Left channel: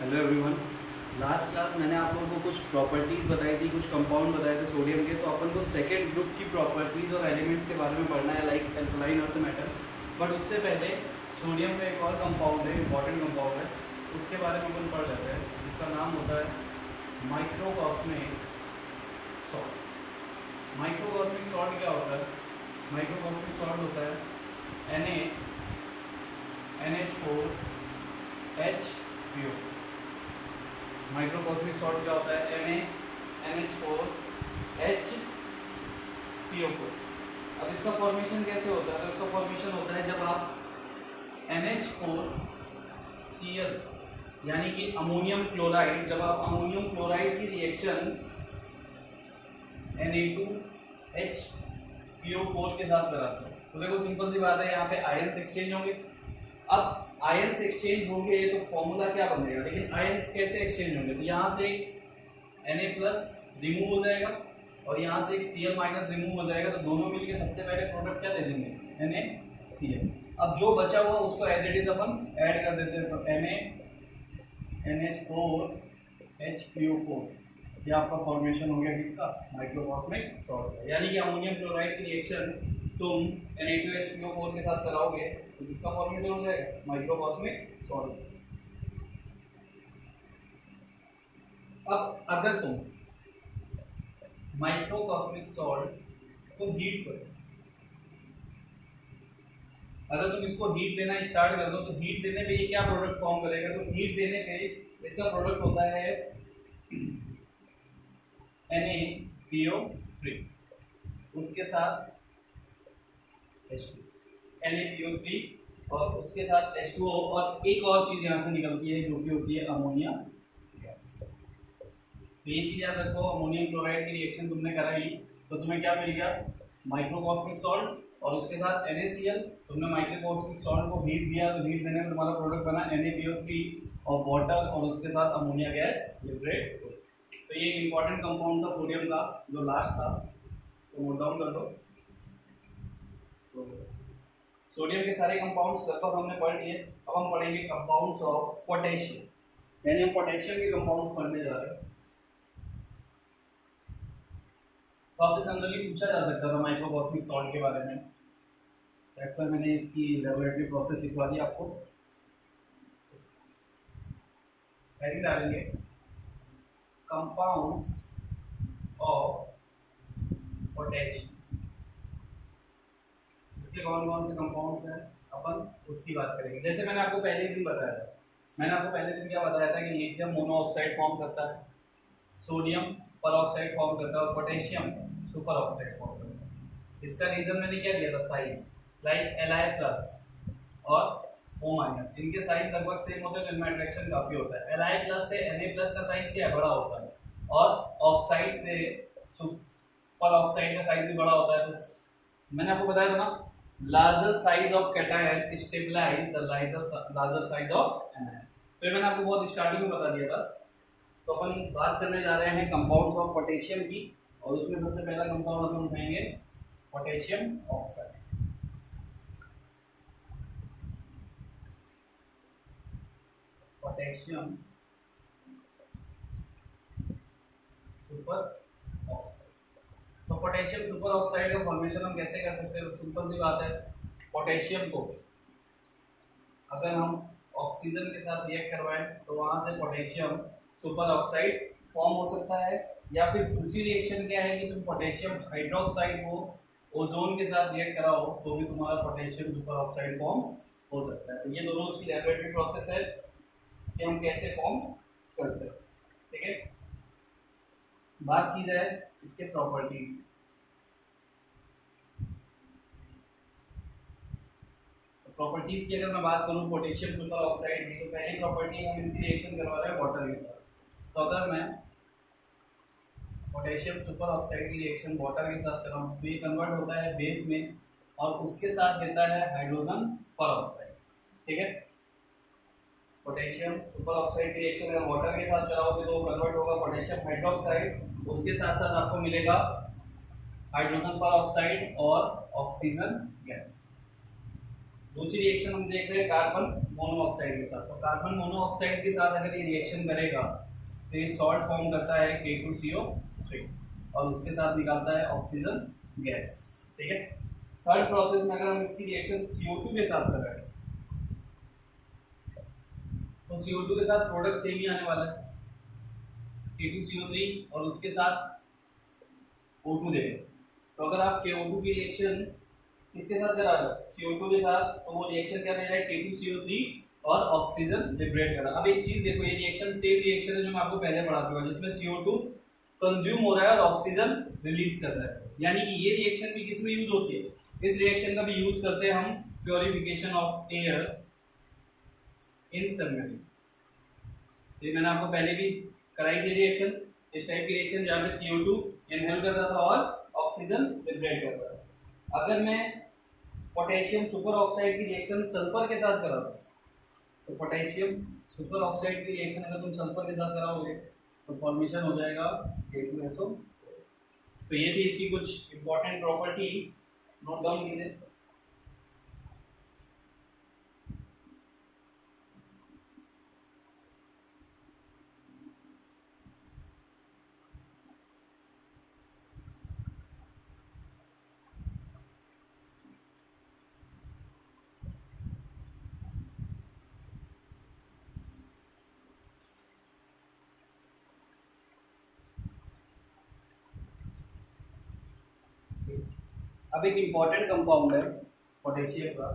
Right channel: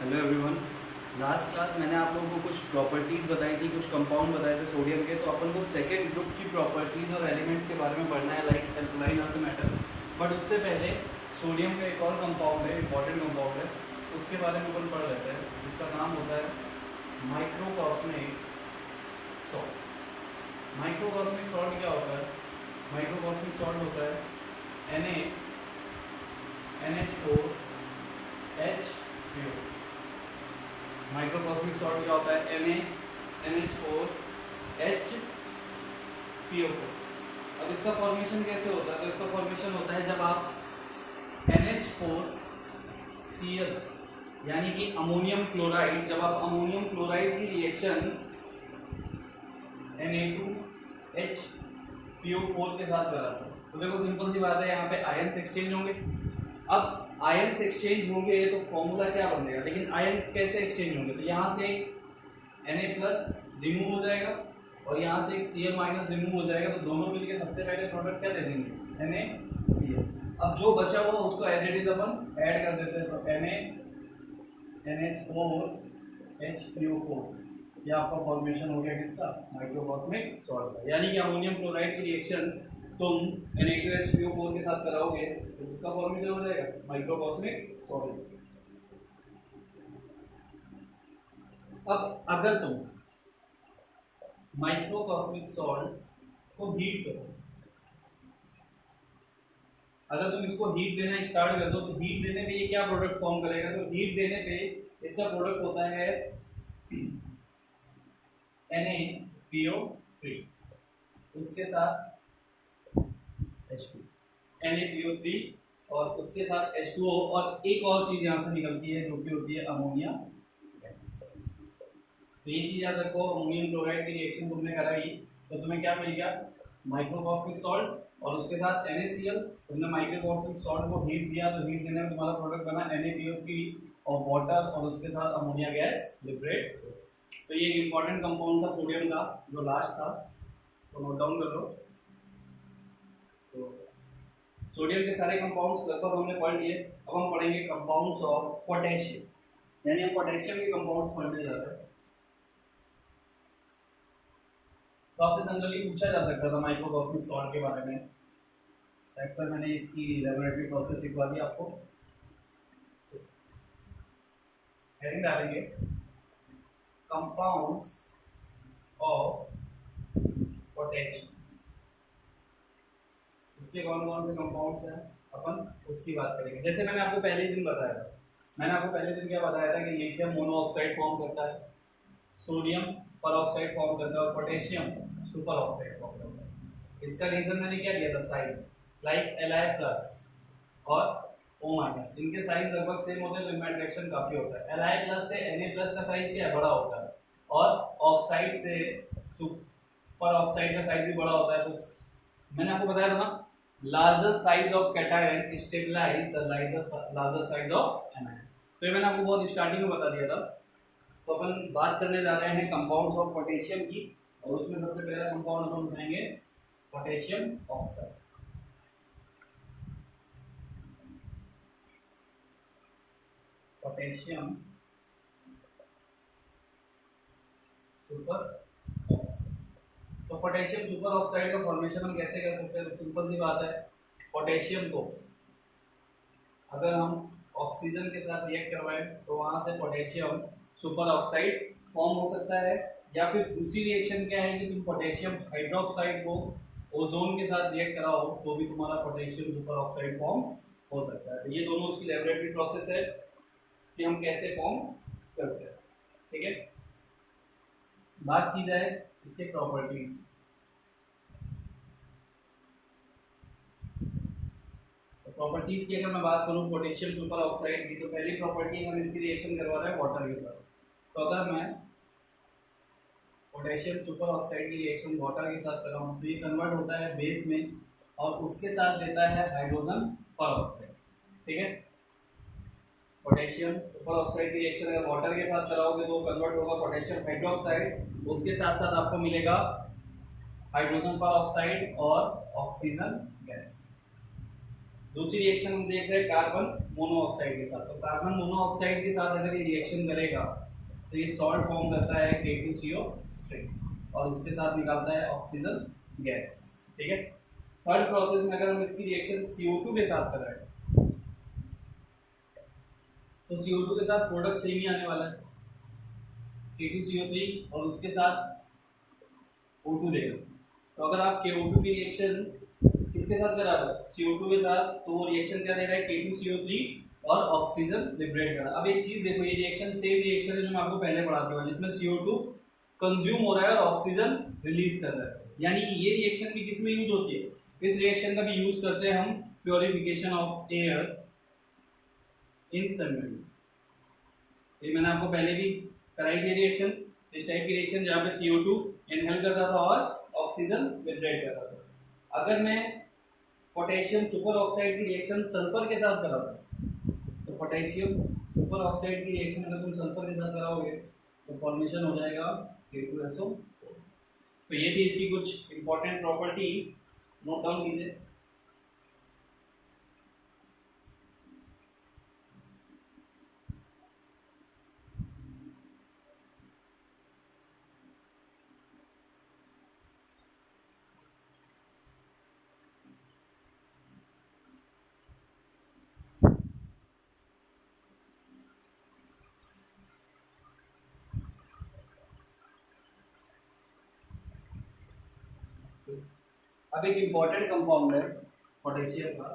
Hello everyone. Last class मैंने आप लोगों को कुछ प्रॉपर्टीज़ बताई थी, कुछ कंपाउंड बताए थे सोडियम के। तो अपन को सेकेंड ग्रुप की प्रॉपर्टीज़ और एलिमेंट्स के बारे में पढ़ना है, like alkaline earth metal. But उससे पहले सोडियम का एक और कंपाउंड है, इंपॉर्टेंट कंपाउंड है, उसके बारे में अपन पढ़ लेते हैं, जिसका नाम होता है माइक्रोकॉस्मिक सॉल्ट। माइक्रोकॉस्मिक सॉल्ट क्या होता है? माइक्रोकॉस्मिक सॉल्ट होता है NaNH4HPO। माइक्रोकॉस्मिक सॉल्ट क्या होता है? NaNH4HPO4। अब इसका फॉर्मेशन कैसे होता है? तो इसका फॉर्मेशन होता है जब आप NH4Cl यानी कि अमोनियम क्लोराइड, जब आप अमोनियम क्लोराइड की रिएक्शन Na2HPO4 के साथ कराते हो। तो देखो सिंपल सी बात है, यहाँ पे आयंस एक्सचेंज होंगे। अब आयंस एक्सचेंज होंगे तो फॉर्मूला क्या बनेगा, लेकिन आयंस कैसे एक्सचेंज होंगे? तो यहाँ से Na+ रिमूव हो जाएगा और यहाँ से एक Cl- रिमूव हो जाएगा। तो दोनों मिलके सबसे पहले प्रोडक्ट क्या दे देंगे? NaCl। अब जो बचा हुआ उसको एज इट इज अपन ऐड कर देते हैं। तो NaNH4HPO4, ये आपका फॉर्मेशन हो गया किसका? माइक्रोकॉस्मिक सॉल्ट का। यानी कि अमोनियम क्लोराइड की रिएक्शन तुम Na2HPO4 के साथ कराओगे तो किसका फॉर्मेशन हो जाएगा? माइक्रोकॉस्मिक सॉल्ट। अब अगर तुम माइक्रोकॉस्मिक सॉल्ट को हीट करो, अगर तुम इसको हीट देना स्टार्ट कर दो, तो हीट देने पे ये क्या प्रोडक्ट फॉर्म करेगा? तो हीट देने पे इसका प्रोडक्ट होता है NaPO3, उसके साथ H2, NaPO3 और उसके साथ H2O, और एक और चीज यहाँ से निकलती है जो कि होती है अमोनिया गैस। तो ये चीज याद रखो, अमोनियम क्लोराइड की रिएक्शन तुमने कराई तो तुम्हें क्या मिल गया? माइक्रोकॉस्मिक सॉल्ट, और उसके साथ NaCl। तुमने माइक्रोकॉस्मिक सॉल्ट को हीट दिया तो हीट देने में तुम्हारा प्रोडक्ट बना NaPO3 और वाटर, और उसके साथ अमोनिया गैस लिबरेट। तो ये एक इंपॉर्टेंट कंपाउंड था सोडियम का जो लास्ट था, तो नोट डाउन कर लो। तो सोडियम के सारे कंपाउंड्स लगभग हमने पढ़ लिए। अब हम पढ़ेंगे कंपाउंड्स ऑफ पोटेशियम, यानी हम पोटेशियम के कंपाउंड्स पढ़ने जा रहे हैं। तो आपसे जनरली पूछा जा सकता था माइक्रोकॉस्मिक सॉल्ट के बारे में, दैट्स व्हाई मैंने इसकी लैबोरेटरी प्रोसेस लिखवा दी आपको। हेडिंग डालेंगे कंपाउंड्स ऑफ पोटेशियम। इसके कौन कौन से कंपाउंड्स हैं अपन उसकी बात करेंगे। जैसे मैंने आपको पहले दिन बताया था, मैंने आपको पहले दिन क्या बताया था कि लिथियम मोनोऑक्साइड फॉर्म करता है, सोडियम परऑक्साइड फॉर्म करता है और पोटेशियम सुपर ऑक्साइड फॉर्म करता है। इसका रीजन मैंने क्या दिया था? साइज, लाइक Li+ और O-, इनके साइज लगभग सेम होते हैं तो इनमें अट्रैक्शन काफी होता है। Li+ से Na+ का साइज क्या है? बड़ा होता है, और ऑक्साइड से सुपर ऑक्साइड का साइज भी बड़ा होता है। तो मैंने आपको बताया था ना, larger size of cation stabilise the larger size of anion. तो ये मैंने आपको बहुत स्टार्टिंग में बता दिया था। तो अपन बात करने जा रहे हैं कंपाउंड्स ऑफ पोटेशियम की, और उसमें सबसे पहला कंपाउंड अपन उठाएंगे potassium oxide. Potassium super oxide. तो पोटेशियम सुपर ऑक्साइड का फॉर्मेशन हम कैसे कर सकते हैं? तो सिंपल सी बात है, पोटेशियम को अगर हम ऑक्सीजन के साथ रिएक्ट करवाएं तो वहां से पोटेशियम सुपर ऑक्साइड फॉर्म हो सकता है, या फिर दूसरी रिएक्शन क्या है कि तुम पोटेशियम हाइड्रोक्साइड को ओजोन के साथ रिएक्ट कराओ तो भी तुम्हारा पोटेशियम सुपर ऑक्साइड फॉर्म हो सकता है। तो ये दोनों उसकी लैबोरेटरी प्रोसेस है कि हम कैसे फॉर्म करते हैं। ठीक है, बात की जाए इसके प्रॉपर्टीज। प्रॉपर्टीज की अगर मैं बात करूं पोटेशियम सुपर ऑक्साइड की, तो पहली प्रॉपर्टी हम इसकी रिएक्शन करवा रहे हैं वाटर के साथ। तो अगर मैं पोटेशियम सुपर ऑक्साइड की रिएक्शन वाटर के साथ कराऊं तो ये कन्वर्ट होता है बेस में, और उसके साथ देता है हाइड्रोजन पर ऑक्साइड। ठीक है, पोटेशियम सुपर ऑक्साइड की रिएक्शन अगर वाटर के साथ कराओगे तो कन्वर्ट होगा पोटेशियम हाइड्रोक्साइड, उसके साथ साथ आपको मिलेगा हाइड्रोजन पर ऑक्साइड और ऑक्सीजन गैस। दूसरी रिएक्शन हम देख रहे हैं कार्बन मोनोऑक्साइड के साथ। तो कार्बन मोनोऑक्साइड के साथ अगर ये रिएक्शन करेगा तो ये सॉल्ट फॉर्म करता है K2CO3 और उसके साथ निकालता है ऑक्सीजन गैस। ठीक है। थर्ड प्रोसेस में अगर हम इसकी रिएक्शन CO2 के साथ कर रहे हैं तो CO2 के साथ प्रोडक्ट सेम ही आने वाला है, K2CO3 और उसके साथ O2 देगा। तो अगर आप KO2 की रिएक्शन किसके साथ करा रहे हो, CO2 के साथ, तो वो रिएक्शन क्या दे रहा है, K2CO3 और ऑक्सीजन लिबरेट करा। अब एक चीज देखो, ये रिएक्शन सेम रिएक्शन है जो मैं आपको पहले पढ़ा चुका, जिसमें CO2 कंज्यूम हो रहा है और ऑक्सीजन रिलीज कर रहा है। यानी कि ये रिएक्शन भी किसमें यूज होती है, इस रिएक्शन का भी यूज करते हैं हम purification of air in submarine. ये मैंने आपको पहले भी कराई थी रिएक्शन, इस टाइप की रिएक्शन जहाँ पे CO2 इनहेल करता था और ऑक्सीजन लिबरेट करता था। अगर मैं पोटेशियम सुपर ऑक्साइड की रिएक्शन सल्फर के साथ कराता, तो पोटेशियम सुपर ऑक्साइड की रिएक्शन अगर तुम सल्फर के साथ कराओगे तो फॉर्मेशन हो जाएगा K2SO। तो ये भी इसकी कुछ इंपॉर्टेंट प्रॉपर्टीज नोट डाउन कीजिए। अब एक इंपॉर्टेंट कंपाउंड है पोटेशियम का,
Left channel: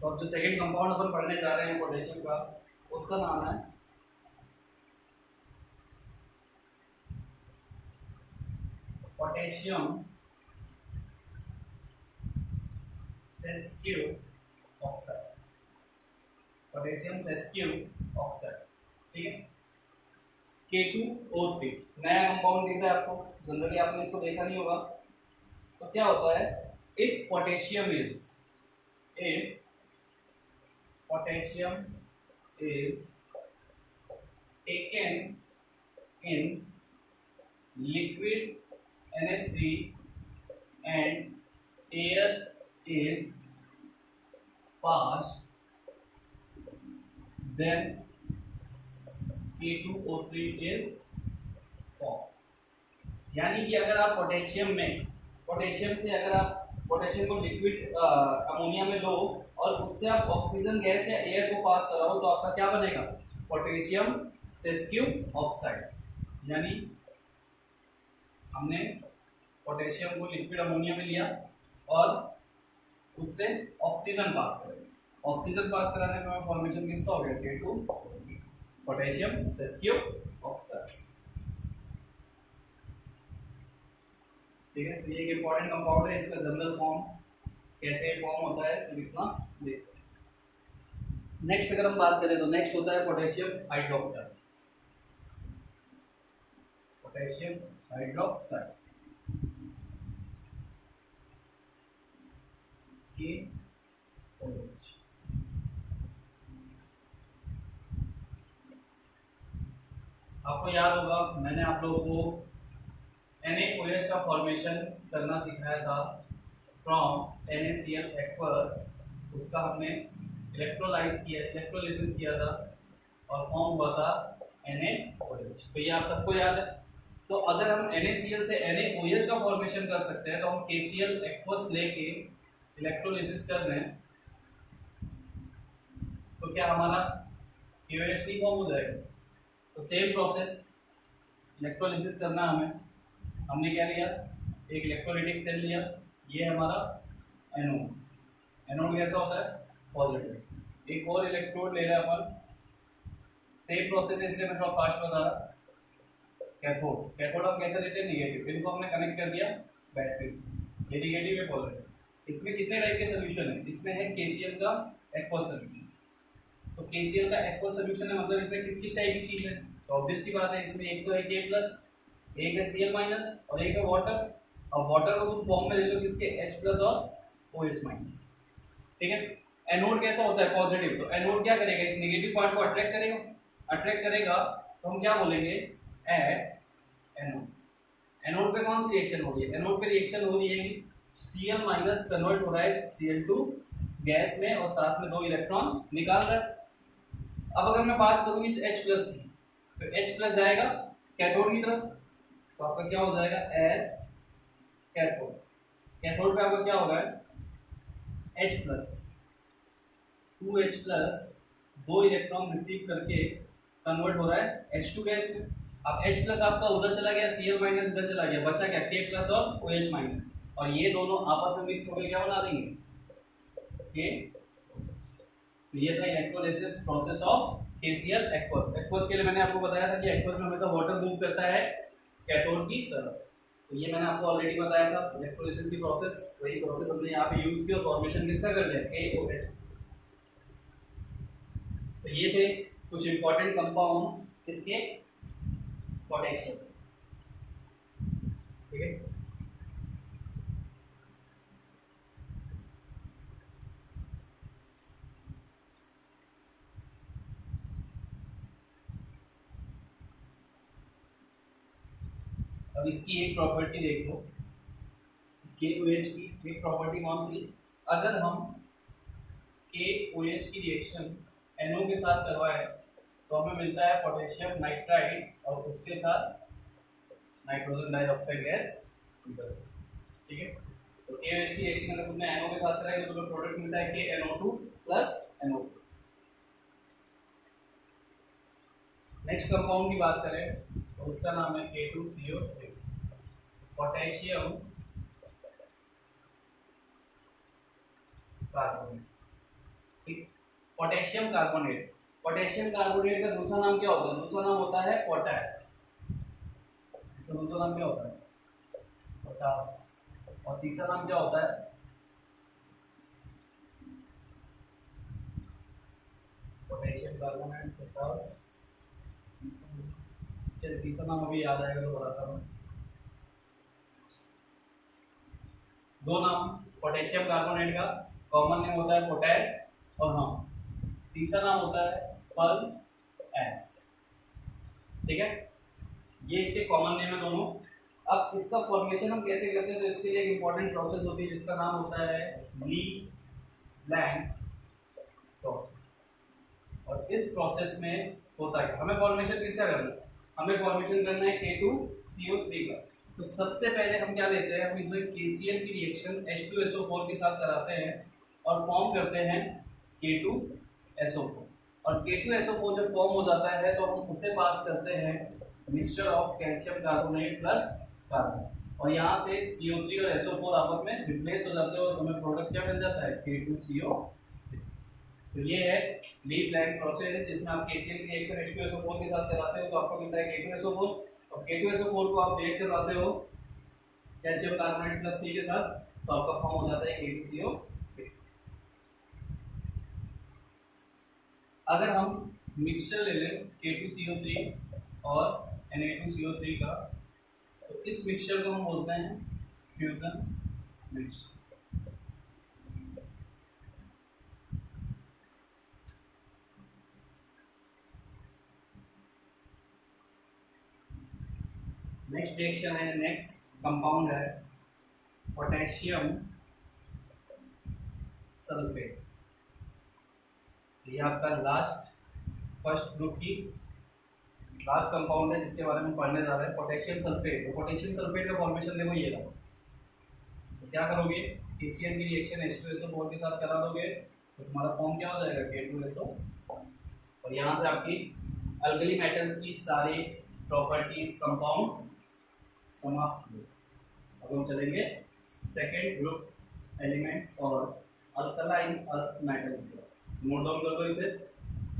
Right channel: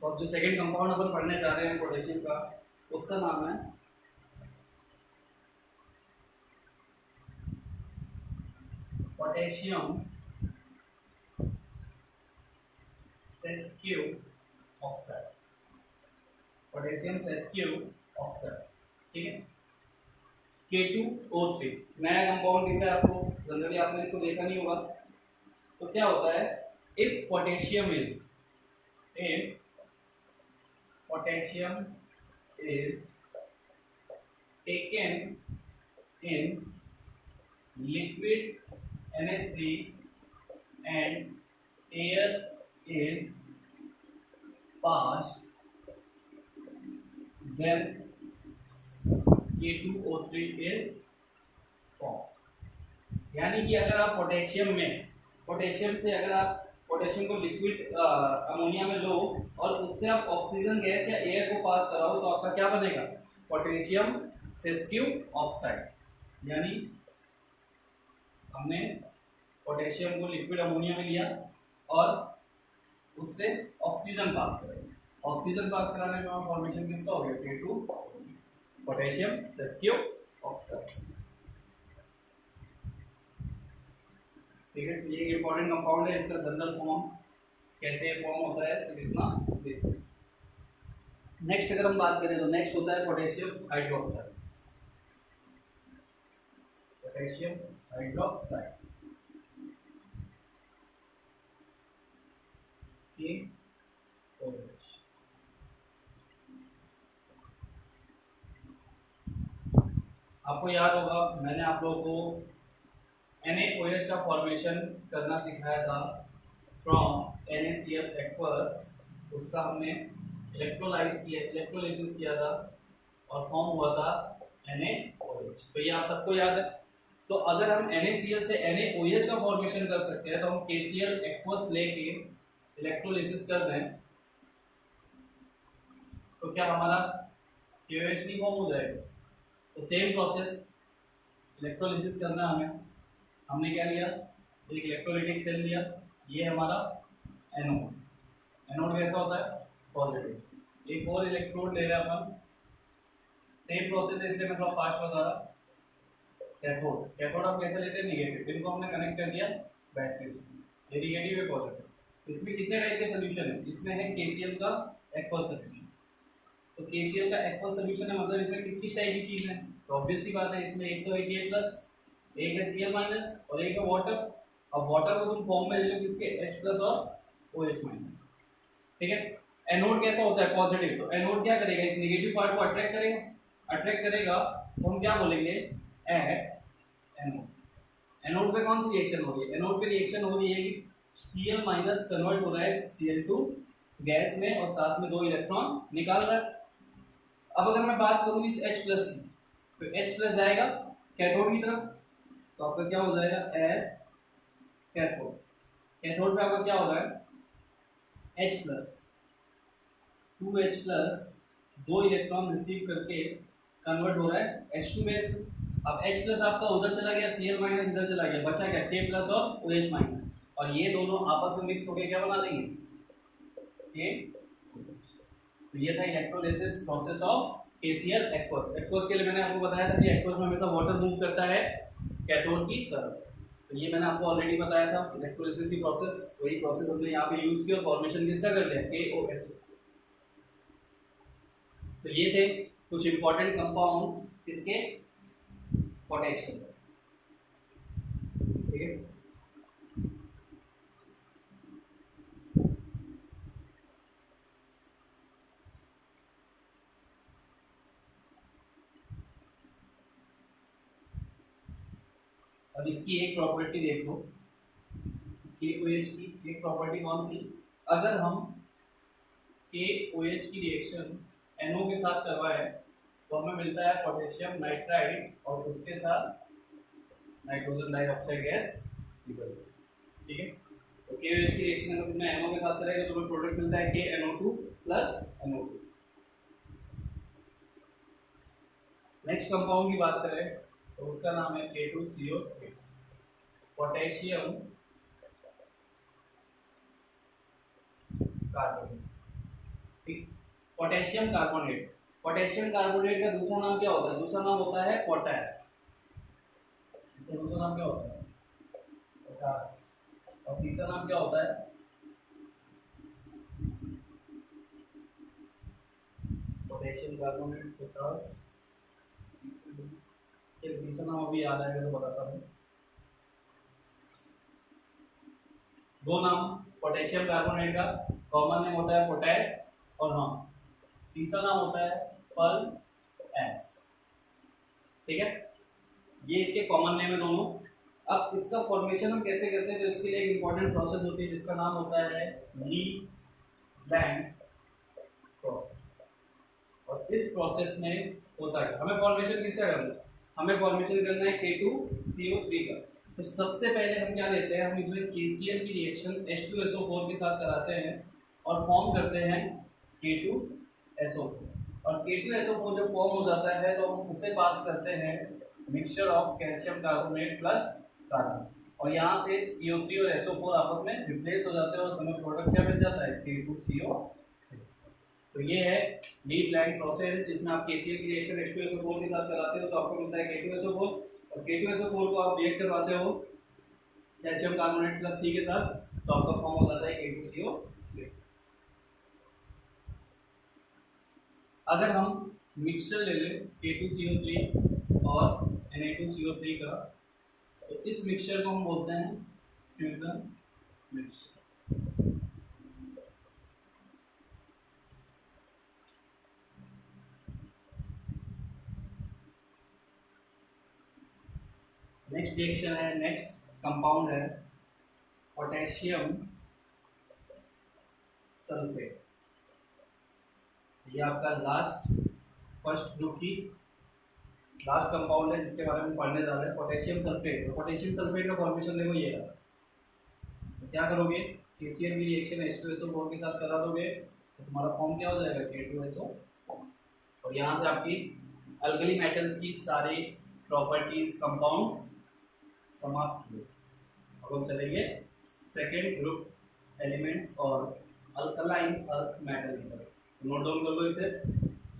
तो अब जो सेकंड कंपाउंड अपन पढ़ने जा रहे हैं पोटेशियम का, उसका नाम है potassium sesqui oxide. Potassium sesqui oxide, ठीक है। K2O3 नया कंपाउंड दिख रहा है आपको, जनरली आपने इसको देखा नहीं होगा। तो क्या होता है, if potassium is taken in liquid NH3 and air is passed, then K2O3 is formed। यानी कि अगर आप पोटेशियम से अगर आप पोटेशियम को लिक्विड अमोनिया में लो और उससे आप ऑक्सीजन गैस या एयर को पास कराओ तो आपका क्या बनेगा, पोटेशियम सेस्क्यू ऑक्साइड। यानी हमने पोटेशियम को लिक्विड अमोनिया में लिया और उससे ऑक्सीजन पास करेंगे। ऑक्सीजन पास कराने में फॉर्मेशन किसका हो गया, K2 पोटेशियम सेस्क्यू ऑक्साइड। ठीक है, ये एक इंपॉर्टेंट कंपाउंड है, इसका जनरल फॉर्म कैसे फॉर्म होता है सिर्फ इतना देखते हैं। नेक्स्ट अगर हम बात करें तो नेक्स्ट होता है पोटेशियम हाइड्रोक्साइड। पोटेशियम हाइड्रोक्साइड की आपको याद होगा मैंने आप लोगों को NaOH का फॉर्मेशन करना सिखाया था फ्रॉम NaCl एक्वस। उसका हमने इलेक्ट्रोलाइसिस किया था और फॉर्म हुआ था NaOH। तो ये आप सबको याद है। तो अगर हम NaCl से NaOH का फॉर्मेशन कर सकते हैं तो हम KCl एक्वस लेके इलेक्ट्रोलाइसिस कर दें तो क्या हमारा KOH नहीं फॉर्म हो जाएगा। तो सेम प्रोसेस इलेक्ट्रोलाइसिस करना हमें, हमने क्या लिया, एक इलेक्ट्रोलाइटिक सेल लिया, ये हमारा एनोड कैसा होता है, पॉजिटिव। एक और इलेक्ट्रोड ले रहे हैं अपन, सेम प्रोसेस है इसलिए मैं थोड़ा फास्ट बता रहा। कैथोड हम कैसे लेते हैं, निगेटिव। इनको हमने कनेक्ट कर दिया बैटरी से, ये निगेटिव है पॉजिटिव। इसमें कितने टाइप के सोल्यूशन है, इसमें है KCl का एक्वस सोल्यूशन। तो KCl का एक्वस सोल्यूशन है, मतलब इसमें किस किस टाइप की चीज है, तो ऑब्वियस सी बात है इसमें एक तो है K+, एक है Cl- और एक है वाटर। अब वाटर को तुम फॉर्म में ले लो किसके, H+ और OH-। ठीक है, एनोड कैसा होता है पॉजिटिव, तो एनोड क्या करेगा इस नेगेटिव पार्ट को अट्रैक्ट करेगा तो हम क्या बोलेंगे एट एनोड। एनोड पे कौन सी रिएक्शन हो रही है, एनोड पे रिएक्शन हो रही है कि Cl माइनस कन्वर्ट हो रहा है Cl2 गैस में और साथ में 2 इलेक्ट्रॉन निकाल रहा है। अब अगर मैं बात करूं इस H प्लस की, तो H प्लस जाएगा कैथोड की तरफ, तो आपका क्या हो जाएगा एट कैथोड। कैथोड पे आपका क्या हो रहा है H plus 2H plus 2 electron receive करके कन्वर्ट हो रहा है H2 गैस में। अब H प्लस आपका उधर चला गया, Cl माइनस इधर चला गया, बचा क्या K प्लस और OH माइनस, और ये दोनों आपस में मिक्स होकर क्या बना देंगे K। तो ये था electrolysis process of KCl aqueous. Aqueous के लिए मैंने आपको बताया था कि एक्वस में हमेशा वाटर मूव करता है कैथोड की तरफ, तो ये मैंने आपको ऑलरेडी बताया था इलेक्ट्रोलिसिस की प्रोसेस। वही प्रोसेस हमने यहाँ पे यूज की और फॉर्मेशन किसका कर दिया KOH। तो ये थे कुछ इंपॉर्टेंट कंपाउंड्स किसके पोटेशियम, ठीक है। अब इसकी एक प्रॉपर्टी देख लो KOH की, एक प्रॉपर्टी कौन सी, अगर हम KOH की रिएक्शन NO के साथ करवाएं तो हमें मिलता है पोटेशियम नाइट्राइड और उसके साथ नाइट्रोजन डाइऑक्साइड गैस निकलती है, ठीक है। तो KOH की रिएक्शन अगर तुमने NO के साथ करेगा तो तुम्हें प्रोडक्ट मिलता है KNO2 plus NO2। Next compound की बात करें तो उसका नाम है K2CO3 पोटेशियम कार्बोनेट, ठीक। पोटेशियम कार्बोनेट, पोटेशियम कार्बोनेट का दूसरा नाम क्या होता है, दूसरा नाम होता है पोटैश, इसका दूसरा नाम क्या होता है पोटास, और तीसरा नाम क्या होता है पोटेशियम कार्बोनेट पोटास। चलिए तीसरा नाम अभी याद आएगा तो बताता हूँ। दो नाम पोटेशियम कार्बोनेट का कॉमन नेम होता है पोटैश, और हाँ तीसरा नाम होता है पर्ल एस, ठीक है। ये इसके कॉमन नेम है दोनों। अब इसका फॉर्मेशन हम कैसे करते हैं, तो इसके लिए एक इंपॉर्टेंट प्रोसेस होती है जिसका नाम होता है ली लैंग प्रोसेस, और इस प्रोसेस में होता है हमें फॉर्मेशन किसका करना है, हमें फॉर्मेशन करना है K2CO3 का। तो सबसे पहले हम क्या लेते हैं, हम इसमें KCl की रिएक्शन H2SO4 के साथ कराते हैं और फॉर्म करते हैं K2SO4, और K2SO4 जब फॉर्म हो जाता है तो हम उसे पास करते हैं mixture of calcium carbonate plus carbon, और यहाँ से CO3 और SO4 आपस में रिप्लेस हो जाते हैं और हमें प्रोडक्ट क्या मिल जाता है K2CO3। तो ये है ली लैंग प्रोसेस जिसमें आप KCl की रिएक्शन H2SO4 के साथ कराते हो तो आपको मिलता है K2SO4, और K2SO4 को आप रिएक्ट करवाते हो कैल्शियम कार्बोनेट प्लस C के साथ तो आपका फॉर्म हो जाता है K2CO3। अगर हम मिक्सचर ले लें K2CO3 और Na2CO3 का, तो इस मिक्सचर को हम बोलते हैं फ्यूजन मिक्सचर। नेक्स्ट रिएक्शन है, नेक्स्ट कंपाउंड है पोटेशियम सल्फेट। ये आपका फर्स्ट ग्रुप की लास्ट कंपाउंड है जिसके बारे में पढ़ने जा रहे हैं पोटेशियम सल्फेट। तो पोटेशियम सल्फेट का फॉर्मेशन देखो ये रहा। तो क्या करोगे, KCl की रिएक्शन H2SO4 के साथ करा दोगे तो तुम्हारा फॉर्म क्या हो जाएगा K2SO, और यहाँ से आपकी अल्कली मेटल्स की सारी प्रॉपर्टीज कंपाउंड्स समाप्त हुए। अब हम चलेंगे सेकेंड ग्रुप एलिमेंट्स और अल्कलाइन अर्थ मेटल की तरफ। नोट डाउन कर दो इसे,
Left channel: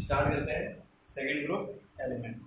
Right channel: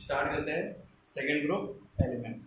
स्टार्ट करते हैं सेकेंड ग्रुप एलिमेंट्स।